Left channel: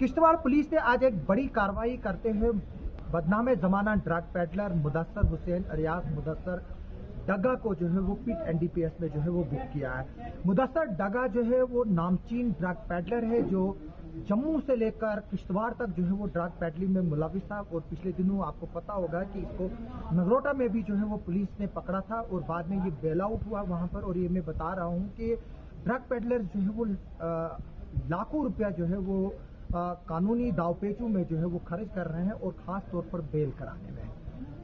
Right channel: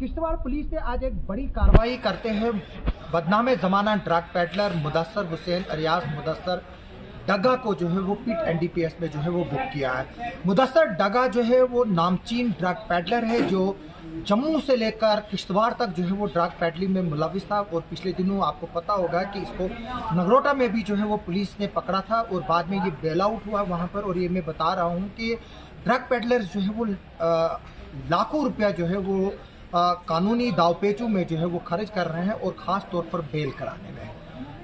Kishtwar police ने आज एक बड़ी कार्रवाई करते हैं बदनाम ज़माना drug peddler Mudassar Hussain alias Mudassar Daga को जो है वो पिट एनडीपीएस में जो है वो बुक किया है। मुदस्सर डगा जो है वो नामचीन ड्रग पेडलर है जो जम्मू से लेकर किश्तवाड़ तक जो है वो ड्रग पेडलिंग में मुलविस था और पिछले दिनों आपको पता होगा कि इसको नगरोटा में भी जो है वो पुलिस ने पकड़ा था और बाद में ये बेल आउट हुआ वहाँ पर। और ये मैं बता रहा हूँ कि ड्रग पेडलर्स जो है वो लाखों रुपया जो है वो कानूनी दावपेचों में जो है वो खर्च कर रहे हैं और ख़ास तौर पर बेल कराने में।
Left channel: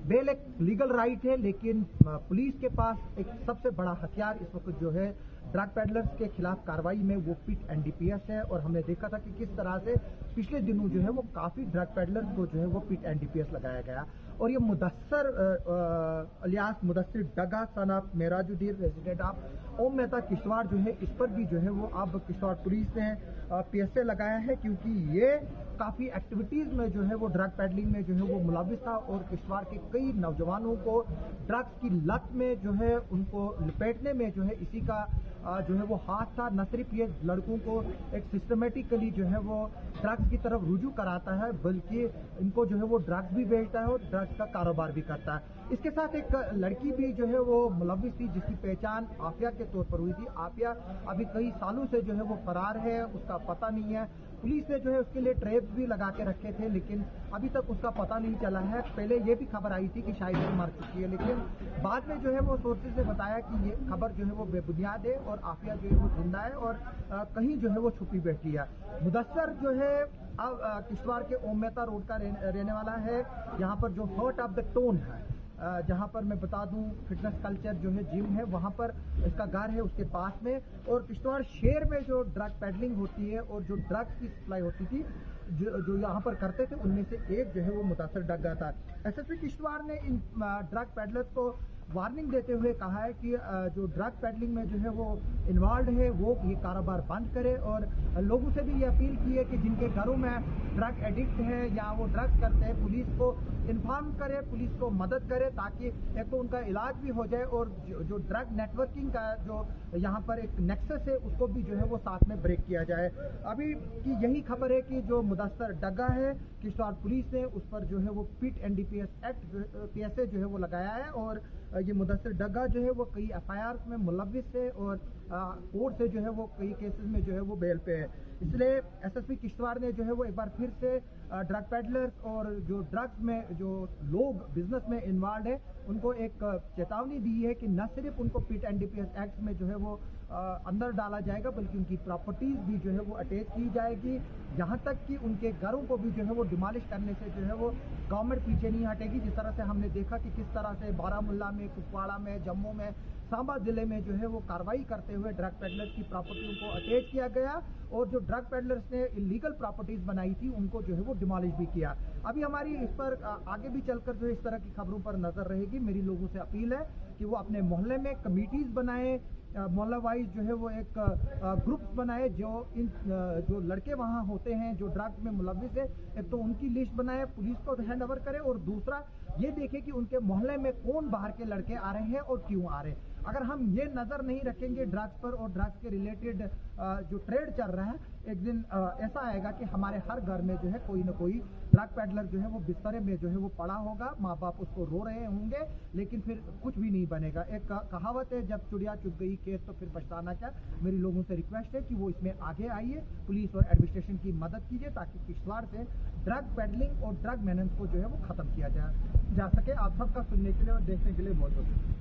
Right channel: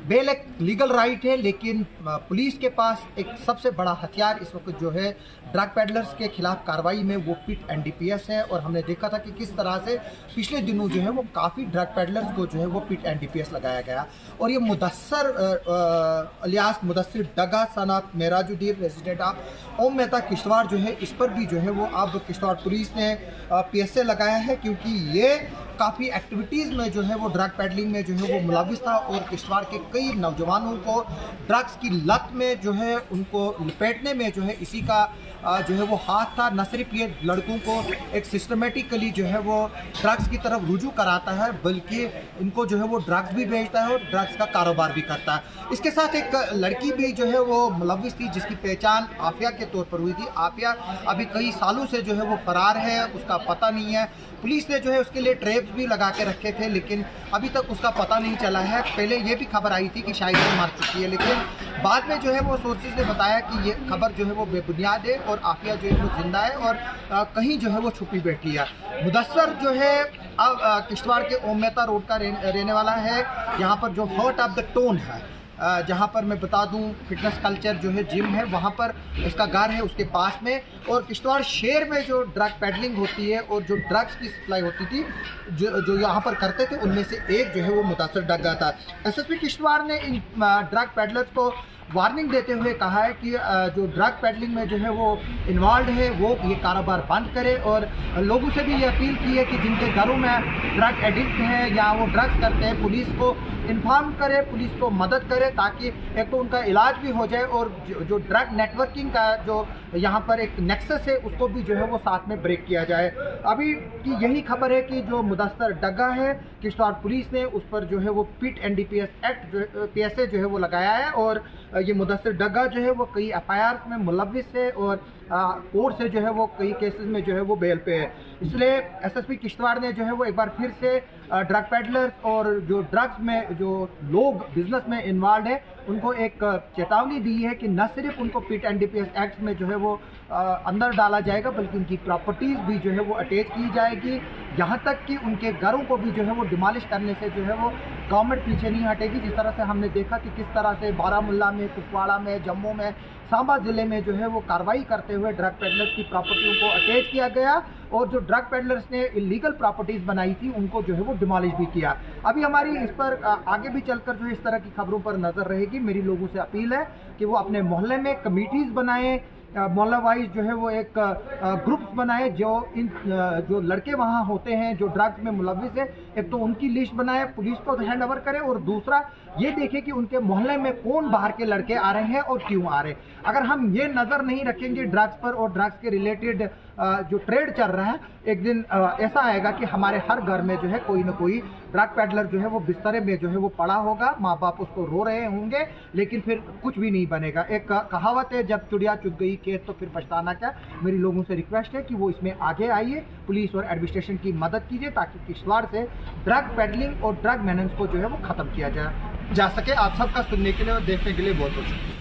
बेल एक लीगल राइट है, लेकिन पुलिस के पास एक सबसे बड़ा हथियार इस वक्त जो है ड्रग पेडलर्स के खिलाफ कार्रवाई में वो पिट एनडीपीएस है। और हमने देखा था कि किस तरह से पिछले दिनों जो है वो काफ़ी ड्रग पेडलर्स को जो है वो पिट एनडीपीएस लगाया गया। और ये मुदस्सर अलियास मुदस्सिर डगा सनात मेराजुद्दीन रेजिडेंट ऑफ ओम मेहता किश्तवाड़ जो है इस पर भी जो है वो अब किश्तवाड़ पुलिस ने पीएसए लगाया है, क्योंकि ये काफ़ी एक्टिविटीज़ में जो है वो ड्रग पेडलिंग में जो है वो मुलविस था और किश्तवाड़ के कई नौजवानों को ड्रग्स की लत में जो है उनको लपेटने में जो है इसी का जो है वो हाथ था। न सिर्फ ये लड़कों को एक सिस्टमेटिकली जो है वो ड्रग्स की तरफ रुजू कराता है, बल्कि इनको जो है वो ड्रग्स भी बेचता है और ड्रग्स का कारोबार भी करता है। इसके साथ एक लड़की भी जो है वो मुलविस थी जिसकी पहचान आफिया के तौर पर हुई थी। आफिया अभी कई सालों से जो है वो फरार है, उसका पता नहीं है। पुलिस ने जो है उसके लिए ट्रैप्स भी लगा के रखे थे, लेकिन अभी तक उसका पता नहीं चला है। पहले ये भी खबर आई थी कि शायद वो मर चुकी है, लेकिन बाद में जो है वो सोर्सेज ने बताया कि ये खबर जो है वो बेबुनियाद है और आफिया जो है वो जिंदा है और कहीं जो है वो छुपी बैठी है। मुदस्सर जो है अब किश्तवाड़ के ओम मेहता रोड का रहने वाला है। यहाँ पर जो हार्ट ऑफ द टाउन है, जहाँ पर मैं बता दूं फिटनेस कल्चर जो है जिम है, वहाँ पर इसका घर है उसके पास में। और किश्तवाड़ शहर में जो ड्रग पेडलिंग होती है और जो ड्रग्स की सप्लाई होती थी जो यहाँ पर करते थे, उनमें से एक जो है वो मुदस्सर डगा था। एसएसपी किश्तवाड़ ने इन ड्रग पेडलर्स को वार्निंग देते हुए कहा है कि जो ड्रग पेडलिंग में जो है वो इन्वॉल्व है वो ये कारोबार बंद करे और लोगों से भी ये अपील की है कि जिनके घरों में ड्रग एडिक्ट हैं या वो ड्रग्स करते हैं, पुलिस को इन्फॉर्म करे, पुलिस को मदद करे, ताकि एक तो उनका इलाज भी हो जाए और जो ड्रग नेटवर्किंग का जो यहाँ पर एक नेक्सस है उसको भी जो है वो साथ में ब्रेक किया जाए। अभी की यही खबर है कि जो मुदस्सर डगा है किश्तवाड़ पुलिस ने उस पर जो है वो पिट एनडीपीएस एक्ट पीएसए जो है वो लगाया है और ये मुदस्सर डगा जो है वो कई एफआईआर में मुलविस है और कोर्ट से जो है वो कई केसेस में जो है वो बेल पे है। इसलिए एसएसपी किश्तवाड़ ने जो है वो एक बार फिर से ड्रग पेडलर्स और जो ड्रग्स में जो लोग बिजनेस में इन्वॉल्व है उनको एक चेतावनी दी है कि न सिर्फ उनको पिट एनडीपीएस एक्ट में जो है वो अंदर डाला जाएगा, बल्कि उनकी प्रॉपर्टीज़ भी जो है वो अटैच की जाएगी। यहाँ तक कि उनके घरों को भी जो है वो डिमोलिश करने से जो है वो गवर्नमेंट पीछे नहीं हटेगी। जिस तरह से हमने देखा कि किस तरह से बारामूला में, कुपवाड़ा में, जम्मू में, सांबा ज़िले में जो है वो कार्रवाई करते हुए ड्रग पेडलर्स की प्रॉपर्टियों को अटैच किया गया और जो ड्रग पेडलर्स ने इलीगल प्रॉपर्टीज़ बनाई थी उनको जो है वो डिमोलिश भी किया। अभी हमारी इस पर आगे भी चलकर जो है इस तरह की खबरों पर नज़र रहेगी। मेरी लोगों से अपील है कि वो अपने मोहल्ले में कमिटीज़ बनाएं, मोहल्ला वाइज जो है वो एक ग्रुप्स बनाए, जो लड़के वहाँ होते हैं जो ड्रग्स में मुलविस है, एक तो उनकी लिस्ट बनाए, पुलिस को हैंड ओवर करें और दूसरा ये देखें कि उनके मोहल्ले में कौन बाहर के लड़के आ रहे हैं और क्यों आ रहे हैं। अगर हम ये नज़र नहीं रखेंगे ड्रग्स पर और ड्रग्स के रिलेटेड जो ट्रेड चल रहा है, एक दिन ऐसा आएगा कि हमारे हर घर में जो है कोई ना कोई ड्रग पेडलर जो है वो बिस्तरे में जो है वो पड़ा होगा, माँ बाप उसको रो रहे होंगे, लेकिन फिर कुछ भी नहीं बनेगा। एक कहावत है, जब चिड़िया चुग गई खेत तो फिर पछताना क्या। मेरी लोगों से रिक्वेस्ट है कि वो इसमें आगे आइए, पुलिस और एडमिनिस्ट्रेशन की मदद कीजिए ताकि किश्तवाड़ से ड्रग पेडलिंग और ड्रग मैनेंस को जो है वो ख़त्म किया जा सके। आप सबका सुनने के लिए और देखने के लिए बहुत बहुत शुक्रिया।